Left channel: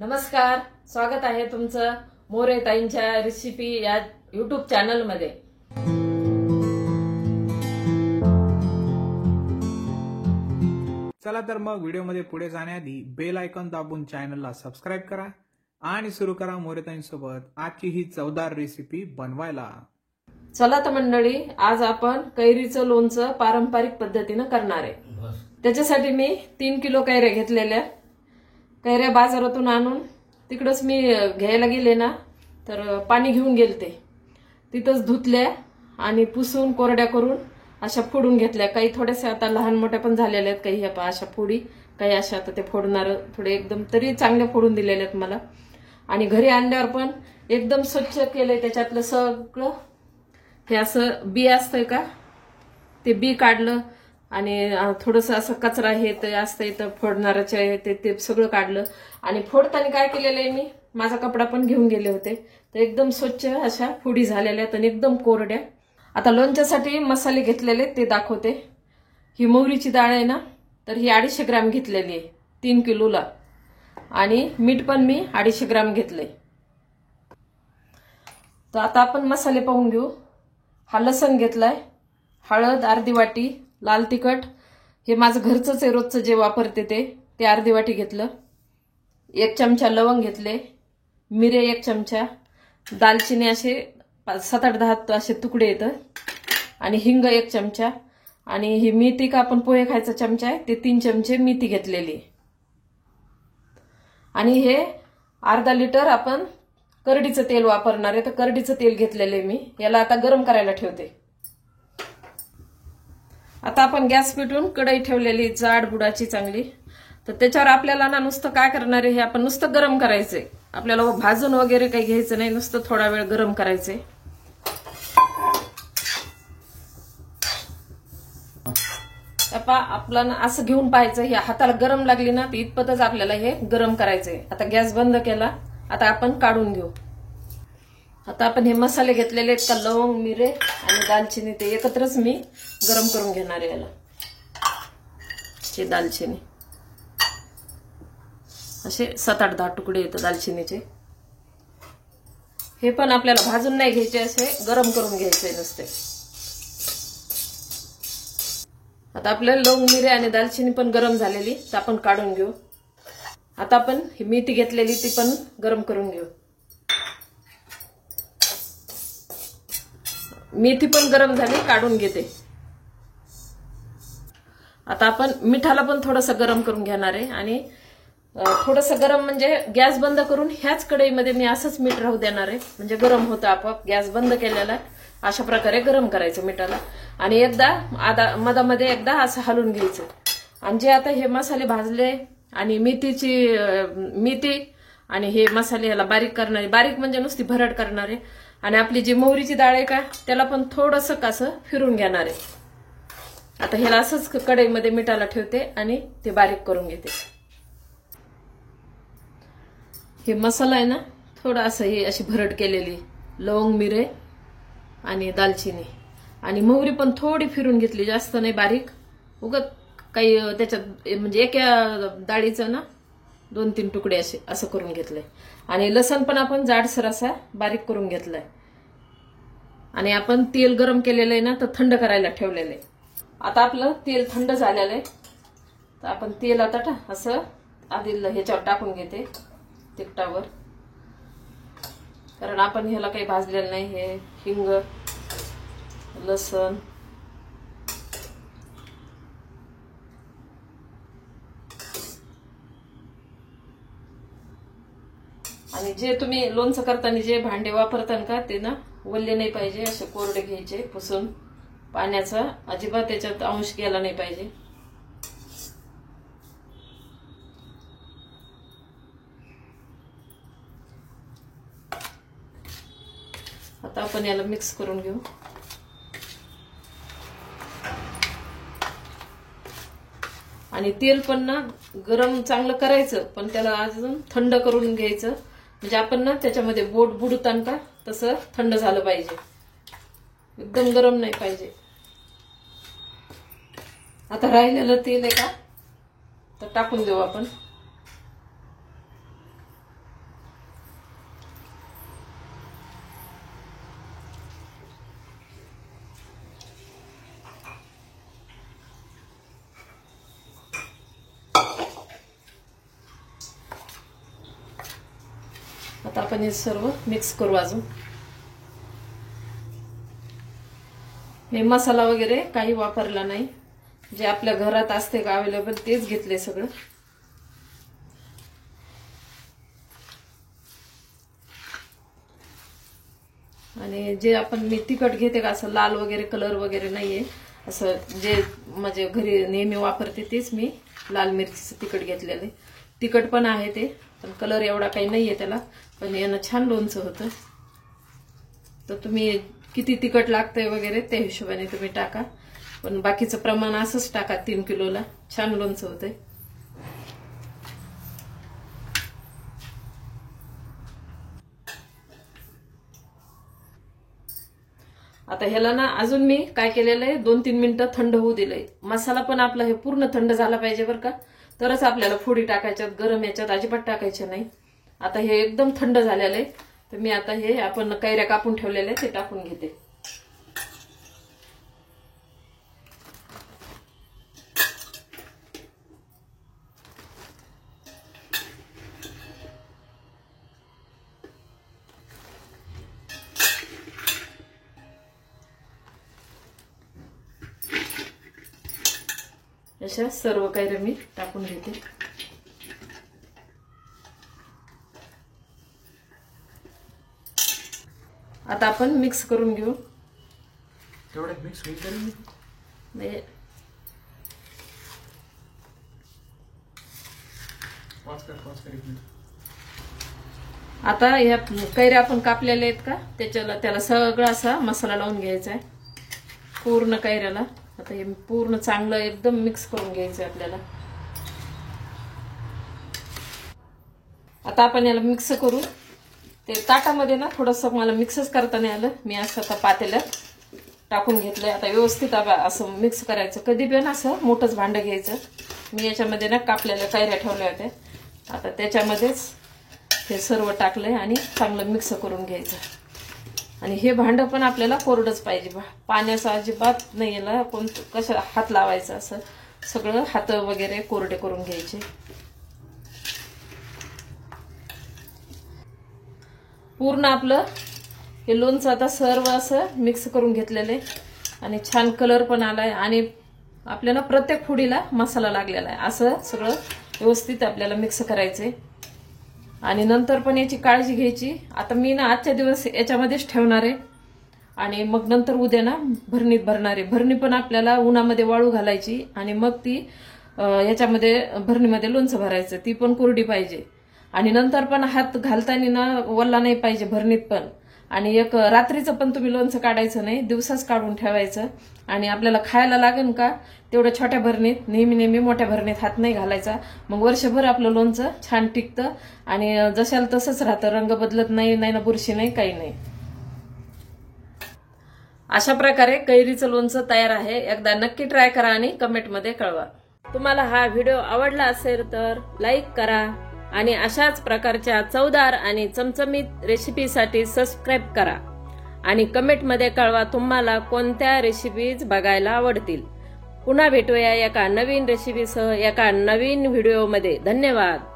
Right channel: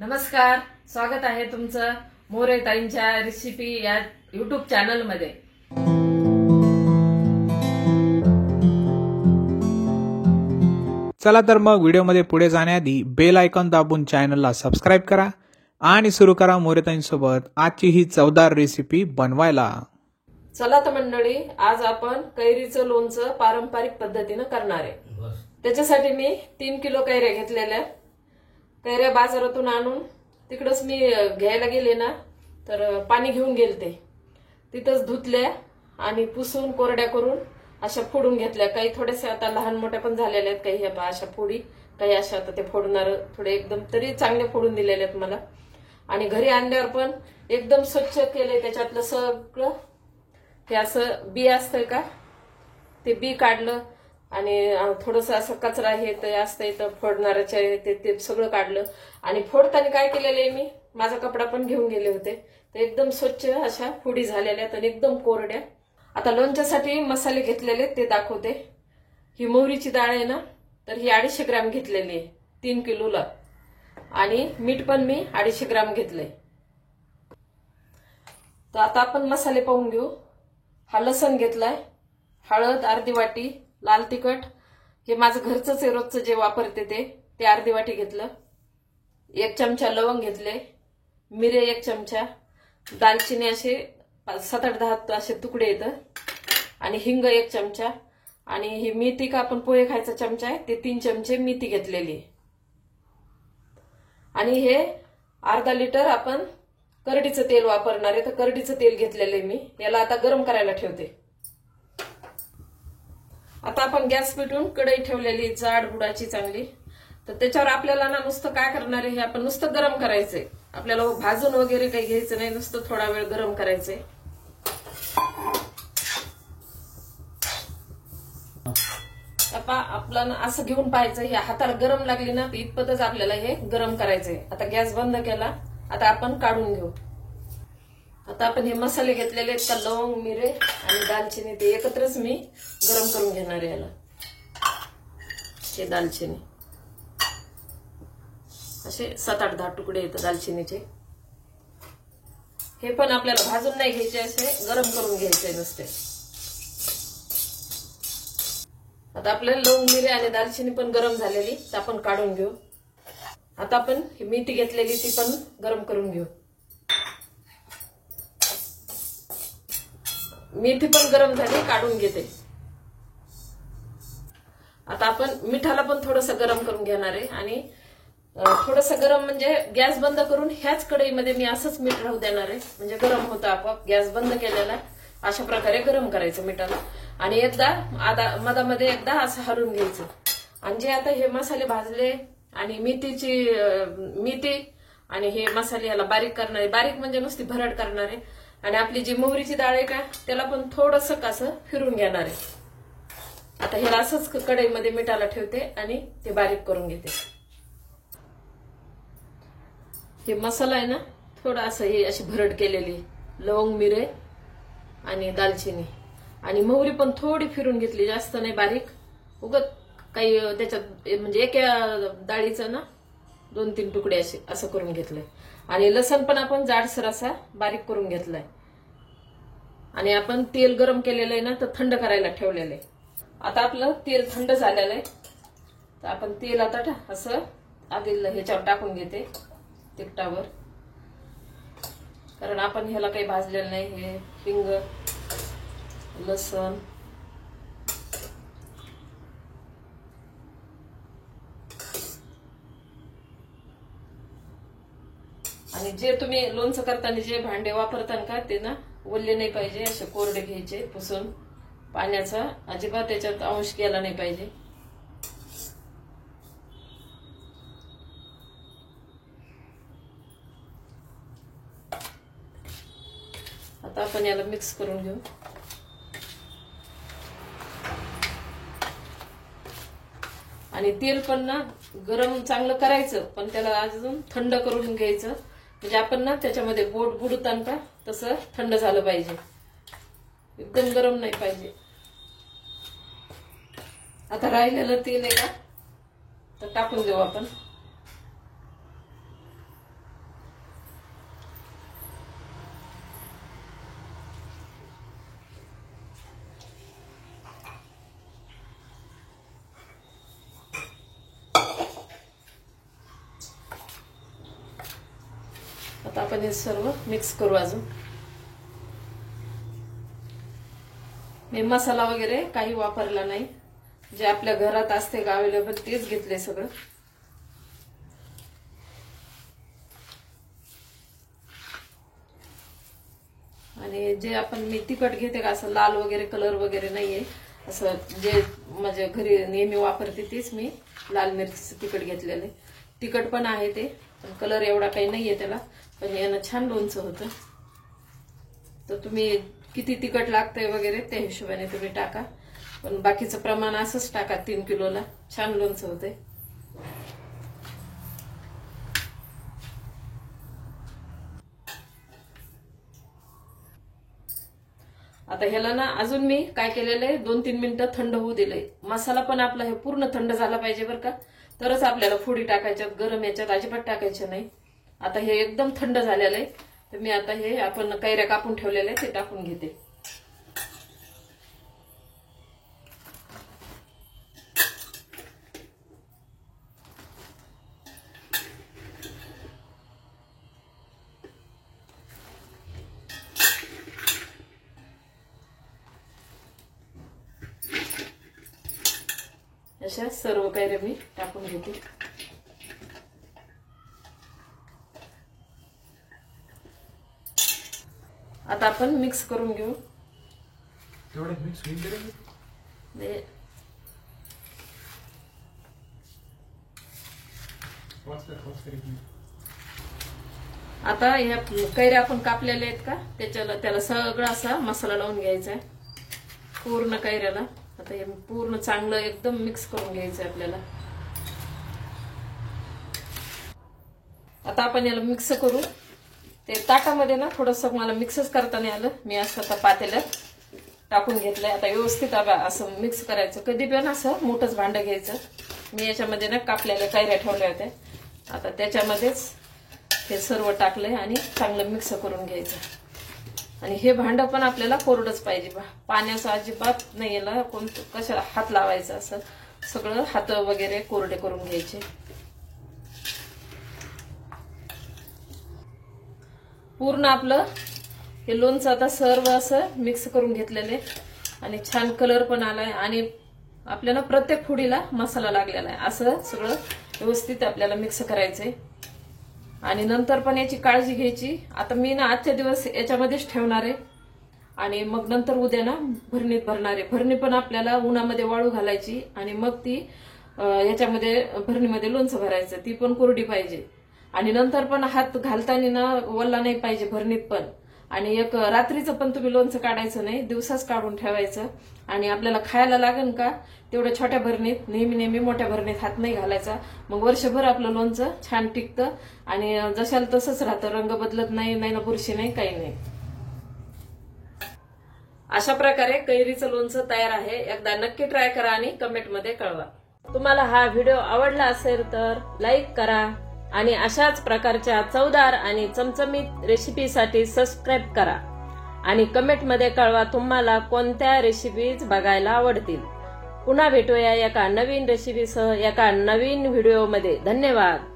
नमस्कार, स्वागत आहे तुमचं मोरे ताईंच्या रेसिपी या YouTube चॅनल मध्ये। चला तर मग व्हिडिओमध्ये पुढे जाण्याआधी बेल आयकॉन दाबून चॅनलला सबस्क्राइब करा आणि सुरू करा मोरे ताईंसोबत आजची ही चवदार रेसिपी बनवायला। चला तर मंडळी, आज आपण कैरीचं लोणचं पारंपरिक पद्धतीने करणार आहे। त्याच्यासाठी मी 3 किलो कैऱ्या घेतलेल्या। कैऱ्या बाजारातून आणून तिकडच मी घ्यायला गेले ना, तर पाणी घेऊन गेलते, तिथंच धुतल्या आणि पुसून कोरड्या करून अशा फोडून घेतल्या। काही थोड्याशा आता लहान मोठ्या पण झालेल्या आहेत, काही अशा फोडी, काही अशा आता ते फोडणार थोडे एकदम तरी चांगले फोडून दिलेले आहेत मला। आणि घरी आणल्यावर पण एकदम स्वच्छ केले, त्याच्यातलं सगळं हे असं बी असतंय का ते बी काढलं आणि थोडंसं असं कचरा हे ते असतंय तर फोडणाऱ्याचे ते सगळं काढलं। आणि फोडताना काय केलेलं आहे, मी माझा कपडा पण घेऊन गेले होते, तर एकदम स्वच्छ अशा फोडी झालेल्या आणि एकदम कोरड्या। आता लोणच्यासाठी मसाले घेतलेले ते दाखवते। ही मोहरीची डाळ आहे ना, तर ही 250 ग्रॅम घेतलेली आहे 3 किलोला, आणि मीठ पण मी 250 ग्रॅम घेतले। तर आता आपण मसाले पाहून घेऊ। हा लसण घेतलाय, हळद अर्धी वाटी, लाल तिखट हे माझं घरचंच आहे, रोजचं जे वापरते ते अर्धी वाटी घेतलं। 1 चमचा लवंग घेतले, मिरे 1 चमचा, दालचिनी असे 7-8-10 असे तुकडे येतात, आणि हिंग 1 चमचा, आणि ही मेथी का आपण पोहे खायचा चमचा आहे ते 3 चमचे मेथी घेतलेली आहे। आणि हे अर्धा लिटर आपण करडीचं तेल वापरणार आहे, तर करडीचं तेल घेतलेले मी। याला आता गरम करायला ठेवते। आता आपण गॅस पेटवून कढई ठेवलेली जाड बुडाची चांगली, तर त्याच्यावर आपल्याला ना नुसतं काय करणार आहे, हे आपण नुसतं गरम करायचंय, आपल्याला भाजून वगैरे काही घ्यायचं नाही, नुसतं थोडा वेळ गरम करायचंय। आपल्याला ना असं घेऊन पाहायचं, हे हाताला गरम लागली ना, तर इतपतच आपल्याला हे गरम करायचंय। आता गॅस बंद केला, आता आपण काढून घेऊ। आता आपण हे मसाले घेतलेले आहेत, तर लवंग, मिरे आणि दालचिनी ते एकत्रच मी गरम करून घेणार आहे। याला हे दालचिनी असे 7-8-10 तुकडे येतात दालचिनीचे। हे पण आपल्याला भाजून नाही घ्यायचे, असे गरम करून घ्यायचे नुसते। आता आपल्याला लवंग, मिरे आणि दालचिनी पण गरम झालेली, तर आपण काढून घेऊ। आता आपण ही मेथी घेतलेली ती पण गरम करून घेऊ। मेथी पण गरम झाली, काढून घेते। आता आपण मिठाला पण थोडंसं गरम करून घेणार आहे, आणि थोडंसं गरम म्हणजे गॅस बंद करून ह्याच कढईमध्ये मी असंच मीठ राहू देणार आहे, म्हणजे गरम होतं आपोआप। गॅस बंद केलेला अशा प्रकारे गरम करायचं मिठाला, आणि एकदा मधामध्ये एकदा असं हलवून घ्यायचं। आणि जे आता हे मसाले भाजले आणि मेथी आणि हे मसाले याला बारीक करणारे, बारीक म्हणजे नुसती भरड करणारे, आणि आपली जी मोहरीची डाळ आहे का त्याला पण थोडंसं कसं फिरून घेणार आहे। आता ह्याला असंच कढईमध्ये मिठाला ठेवते आणि ते बारीक करून घेते। हे मसाला आहे ना, थोडं असं हे अशी भरड केलेली, लवंग, मिरे आणि दालचिनी आणि मोहरी पण थोडी फिरून घेतली, जास्त नाही बारीक, उगत काही त्याच्यात म्हणजे एका डाळीचं ना 2-3 तुकडे असे असं करून घेतले। आणि लसण पण आपण जाडसर असा बारीक करून घेतलाय। आणि आपण तेल गरम केलेलं आहे ना, तर थंड करायला ठेवलेलं आहे। आता आपलं तेल थंड झालेलं आहे, तर आपण तेल आता असं आधी ह्याच्यावर टाकून घेते तिखटावर, कारण आपण ह्याला काही भाजलेलं नाही। हे हिंग, लसण, आणि जे तुम्ही लोणचं करताना जे भांडे वापरता का ते ना ओले नाही पाहिजे, असे कोरडे घ्यायचे पुसून, पाण्याचा अजिबात त्याच्यात अंश गेला नाही पाहिजे। आता आपण याला मिक्स करून घेऊ। आणि तेल पण ना गरम चांगलं करायचं, पण त्याला अजून थंड करून घ्यायचं, म्हणजे आपण ना त्याच्यामध्ये बोट बुडताना का तसं थंड झालं पाहिजे, एकदम गरम नाही पाहिजे। आता राहिलेलं तेल आहे का तर टाकून देऊ आपण। आता आपण हे सर्व मिक्स करू. अजून मी मसाला वगैरे काही वापरला नाही, जे आपल्या घरात असते का अवेलेबल तेच घेतले सगळं. आणि जे आपण मी तिखट घेते का असं लाल वगैरे कलर वगैरे नाहीये, असं जे म्हणजे घरी नेहमी वापरते तेच मी लाल मिरचीचं तिखट घेतलेले. तिखट पण आहे ते, पण कलर एवढा काही नाहीये त्याला, पण यानं छान लोणचं होतं. तर तुम्ही किती तिखट लागतंय वगैरे त्या हिशोबाने तुम्ही टाका, पण बाकीचं प्रमाण असंच टाका. 3 किलोला छान लोणचं होतंय. आता ह्याला ना अजून मी काय केलेलं आहे, 2-3 मिनिटं थंड होऊ दिलंय. मसाला पण आपला हे पूर्ण थंड झाला पाहिजे बरं का, तरच आपल्याला फोडी टाकायच्यात. गरम याच्यात अजिबात टाकायच्या नाही. आता हे एकदम थंड झालेलं आहे, तर मी आता हे आपण कैऱ्या कापून ठेवलेले ते टाकून घेते. अशा सर्व कैऱ्या मी टाकून घेते. आता आपण मिक्स करून घेऊ. तेवढ्यात मिक्स होईल तरी म्हणजे आता ह्या कैऱ्या आपण कापलेल्या आहेत का, त्याला सगळा असा मसाला लावून घ्यायचा आहे पूर्ण कैऱ्याला. आता हे पूर्ण चांगलं एकदम मिक्स करून घ्यायचं आपल्याला. आता आपण याला मिक्स करू. ते ताटामध्ये ना थोडंसं मला मिक्सच करता नाही आलं, मी असं आता पातेल्यात टाकून घेतलंय. आता व्यवस्थित असं मिक्स करायचं. कधी पण असं मोठंच भांडं घ्यायचं. मी याच्यामध्ये ना कापलेल्या कैऱ्या ठेवल्या होत्या, आता त्याच्यामध्येच हे सर्व टाकलंय आणि चांगलं मिक्स करून घ्यायचं. आणि हे भांडं पण आपल्याला कोरडंच पाहिजे, पाण्याचा अजिबात नाहीये ना. कशा हात लावायचा, असं सगळं हात वगैरे कोरडे करून घ्यायचे. पूर्ण आपलं हे लोणचं आता सर्व असं मिक्स करून घेतलेले आणि छान कलर पण आलाय आणि आपल्याला प्रत्येक फोडीला मसाला लागलेला आहे. असं सगळं व्यवस्थित आपल्याला मिक्स करायचंय आणि नंतर पण याची काळजी घ्यायची. आता मी ना आजच्या दिवस याच्यामध्येच ठेवणार आहे आणि मग नंतर उद्या ना भरणीत भरणार आहे. भरणी पण आपल्याला उन्हामध्ये वाळू घालायची आणि मग ती याच्यामध्ये भरणीमध्ये लोणचं भरायचं. ती पण कोरडी पाहिजे आणि नंतर पण हात घालताना ना वल्ला नाही पाहिजे भरणीत पण. आणि एक रात्रीचं पण तुम्ही लोणचं काढायचं नाही, दिवसाच काढून ठेवायचं. आणि आपल्याला खायला लागेल का तेवढ्या छोट्या भरणीत, नेहमी मोठ्या भरणीत हात नाही घालायचा. मग वर्षभर आपलं लोणचं छान टिकतं आणि जशाला तसंच राहतं, रंग बदलत नाही, नाही ना बुरशी नाही, काही नाही. अशा प्रकारे कैरीचं लोणचं तयार आहे. एकदा नक्की ट्राय करा आणि कमेंटमध्ये कळवा. तुम्हाला हा व्हिडिओ आवडला असेल तर लाईक करा आणि अशाच प्रकारच्या चवदार आणि चमचमीत रेसिपीसाठी सबस्क्राईब करा आणि कमेंटमध्ये कळवा तुम्हाला कोणत्या रेसिपीज बघायला आवडतील. पुन्हा भेटूया एका नवीन रेसिपीसह एका नवीन व्हिडिओमध्ये. धन्यवाद.